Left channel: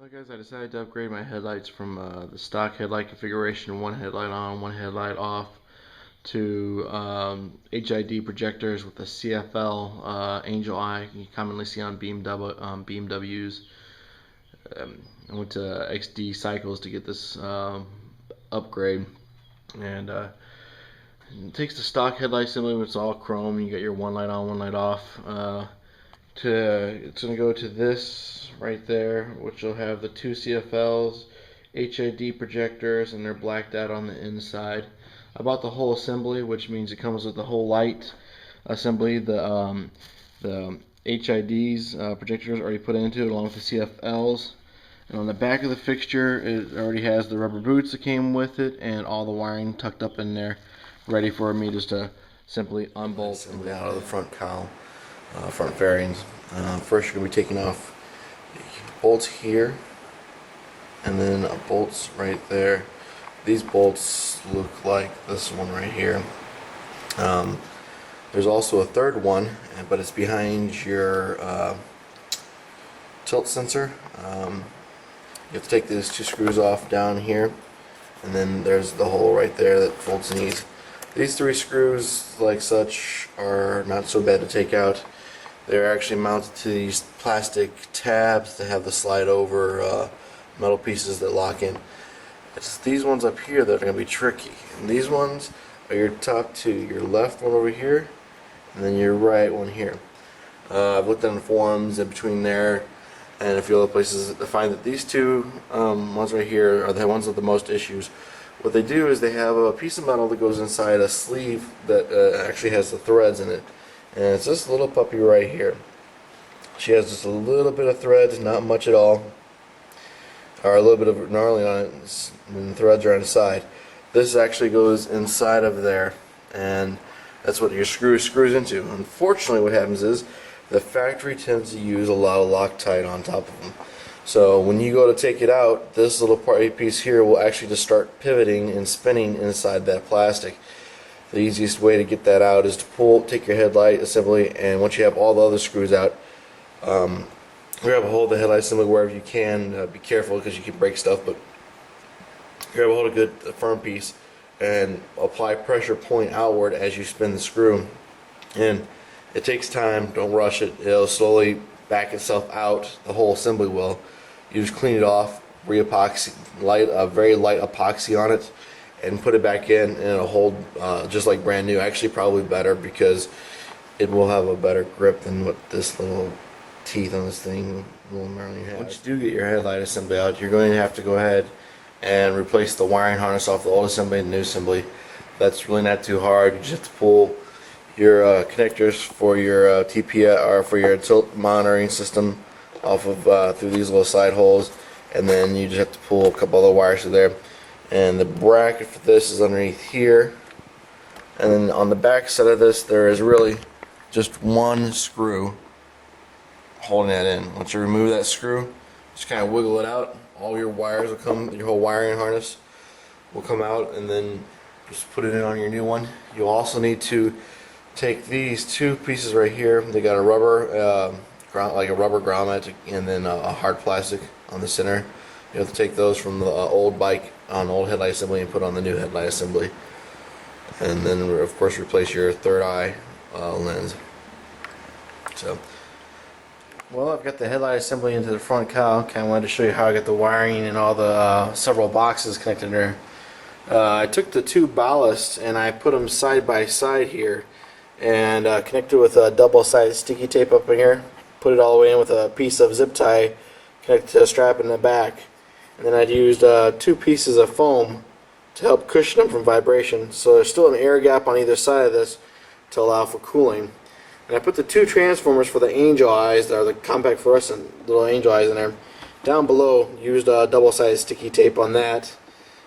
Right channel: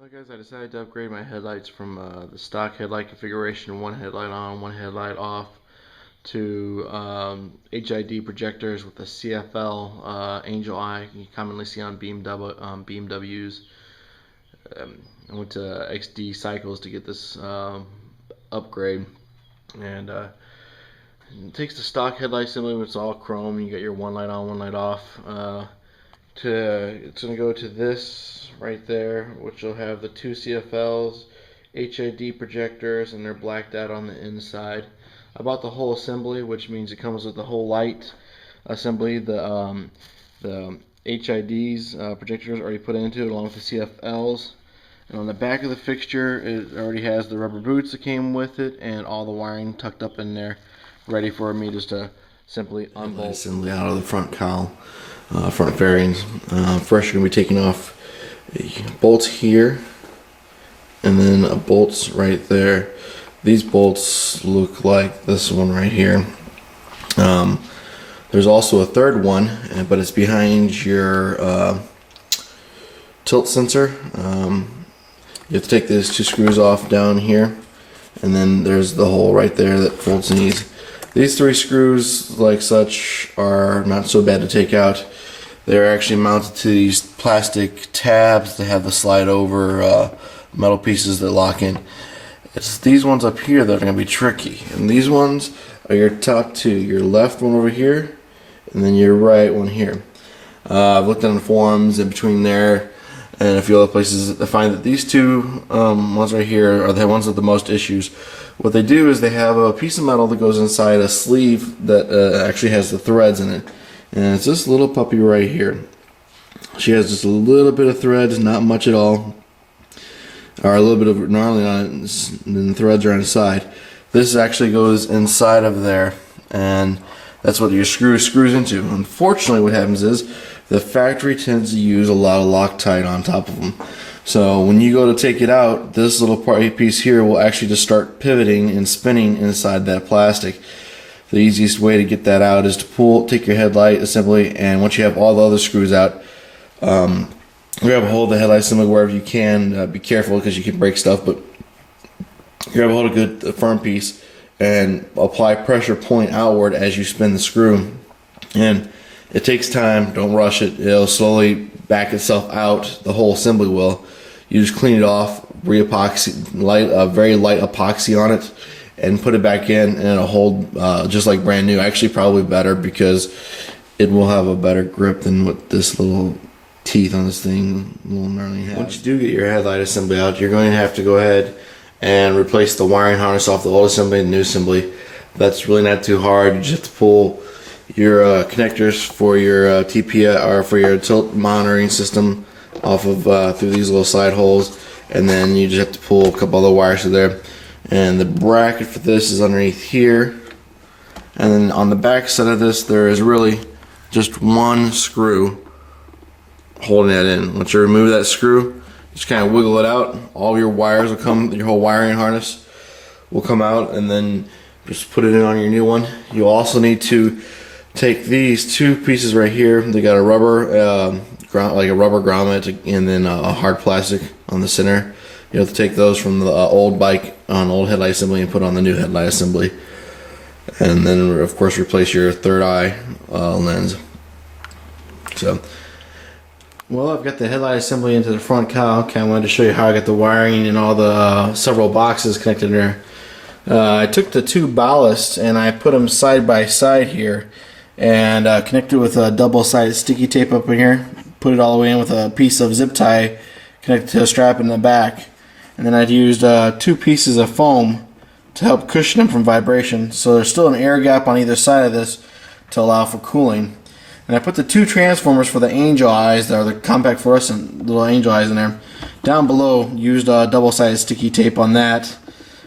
Well guys, I decided to upgrade my headlights from the stock headlight configuration, one headlight on, one headlight off, to h.i.d projectors with a CFL angel eye you commonly see on BMWs. I went to x.d cycles to get this upgrade, and it takes the stock headlight assembly, which is all chrome. You got your one light on, one light off. It's going to go to this right there, which will have the two CFLs, h.i.d projectors, and they're blacked out on the inside. I bought the whole assembly, which means it comes with the whole light assembly. The h.i.d's projectors already put into it along with the CFLs. And on the back of the fixture, it already has the rubber boots that came with it and all the wiring tucked up in there, ready for me just to simply unbolt. Assembly out of the front cowl. Front fairings. First, you're going to be taking off the bolts here, and then bolts right there. These bolts look like this one right here. There's also a third one, but it's behind your tilt sensor. You have to take these two screws off down here, and then there's the hole right there that folds in these. These three screws, like such, are not so bad to take out. They're actually mounted to these plastic tabs that have the slide over metal pieces that lock in. It's these ones up here that are going to be tricky. And these ones are your top two. Your left one over here, and then your right one here. I've looked on the forums in between there and a few other places to find that these two ones right here are the ones with the most issues. What they do is they have a piece of metal that goes inside a sleeve that actually has the threads in it. And it's this little puppy right here. She has just a little bit of threads, not much at all, or a little bit of gnarly on it, and then the threads are on the side. This actually goes inside of there, and that's what your screws into. Unfortunately, what happens is the factory tends to use a lot of Loctite on top of them. So when you go to take it out, this little piece here will actually just start pivoting and spinning inside that plastic. The easiest way to get that out is to take your headlight assembly, and once you have all the other screws out, grab a hold of the headlight assembly wherever you can. Be careful because you can break stuff, but grab a hold of a good firm piece and apply pressure point outward as you spin the screw. And it takes time, don't rush it. It'll slowly back itself out, the whole assembly will. You just clean it off, re-epoxy, very light epoxy on it, and put it back in, and it'll hold just like brand new. Actually, probably better because it will have a better grip than what this little teeth on this thing will normally have. Once you do get your headlight assembly out, you're going to have to go ahead and replace the wiring harness off the old assembly and the new assembly. That's really not too hard. You just have to pull your connectors for your TPS or for your tilt monitoring system off of through these little side holes, and then you just have to pull a couple other wires through there. And the bracket for this is underneath here, and then on the back side of this there is really just one screw holding that in. Once you remove that screw, just kind of wiggle it out, all your wires will come, your whole wiring harness will come out, and then just put it in on your new one. You also need to take these two pieces right here. They got a rubber like a rubber grommet, and then a hard plastic on the center. You have to take those from the old bike on old headlight assembly and put on the new headlight assembly, and then of course replace your third eye lens. So, well, I've got the headlight assembly into the front cowl. I wanted to show you how I got the wiring and all the several boxes connected there. I took the two ballasts and I put them side by side here, and connected with a double-sided sticky tape up in here. Put it all the way in with a piece of zip tie connected to a strap in the back. And then I'd used two pieces of foam to help cushion them from vibration. So there's still an air gap on either side of this to allow for cooling. And I put the two transformers for the angel eyes, that are the compact fluorescent little angel eyes in there, down below. Used double-sided sticky tape on that.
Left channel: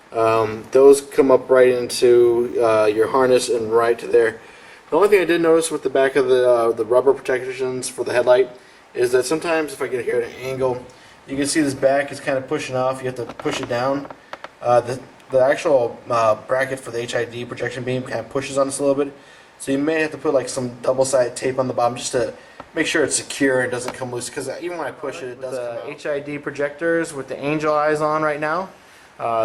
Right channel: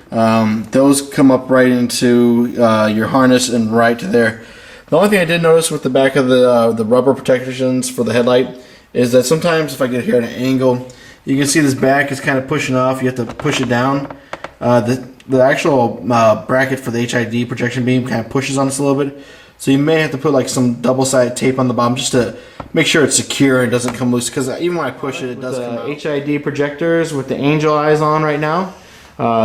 Those come up right into your harness and right to there. The only thing I did notice with the back of the rubber protections for the headlight is that sometimes if I get here at an angle, you can see this back is kind of pushing off. You have to push it down. The actual bracket for the h.i.d projection beam kind of pushes on us a little bit. So you may have to put like some double-sided tape on the bottom just to make sure it's secure and doesn't come loose, because even when I push it, it does come out. h.i.d projectors with the angel eyes on right now.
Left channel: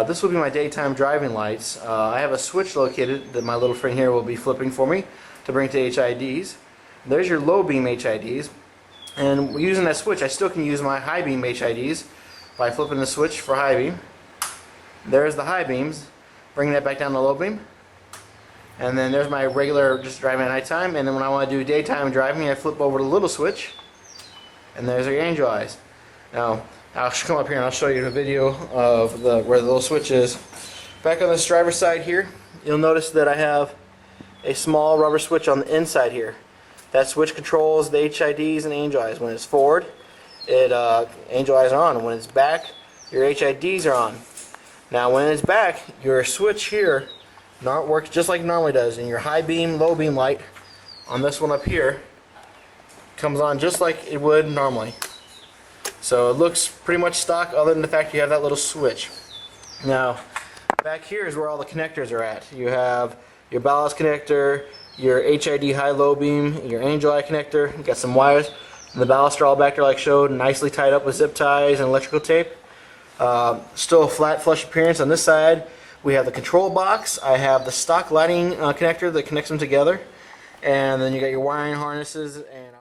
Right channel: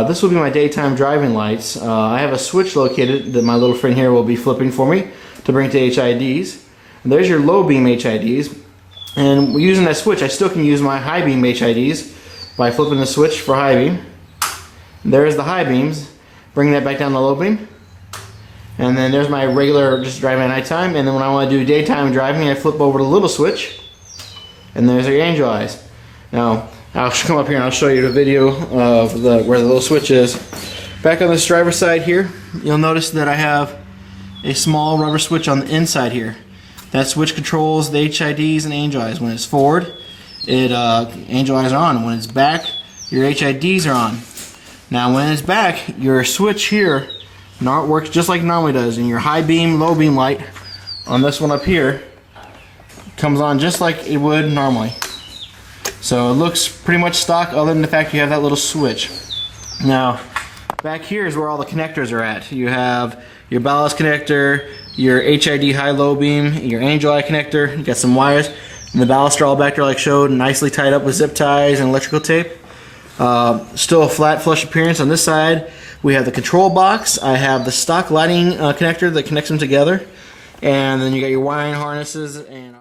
This will be my daytime driving lights. I have a switch located that my little friend here will be flipping for me to bring to h.i.ds. And there's your low beam h.i.ds. And using that switch, I still can use my high beam h.i.ds by flipping the switch for high beam. There's the high beams. Bring that back down the low beam. And then there's my regular just driving at nighttime. And then when I want to do daytime driving, I flip over the little switch. And there's your angel eyes. Now, I'll come up here and I'll show you the video of where the little switch is. Back on this driver's side here, you'll notice that I have a small rubber switch on the inside here. That switch controls the h.i.ds and angel eyes. When it's forward, angel eyes are on. When it's back, your h.i.ds are on. Now when it's back, your switch here works just like it normally does, and your high beam, low beam light on this one up here comes on just like it would normally. So it looks pretty much stock, other than the fact you have that little switch. Now back here is where all the connectors are at. You have your ballast connector, your h.i.d high-low beam, your angel eye connector. You got some wires, and the ballast are all back there like showed, nicely tied up with zip ties and electrical tape. Still a flat flush appearance on this side. We have the control box. I have the stock lighting connector that connects them together, and then you got your wiring harnesses and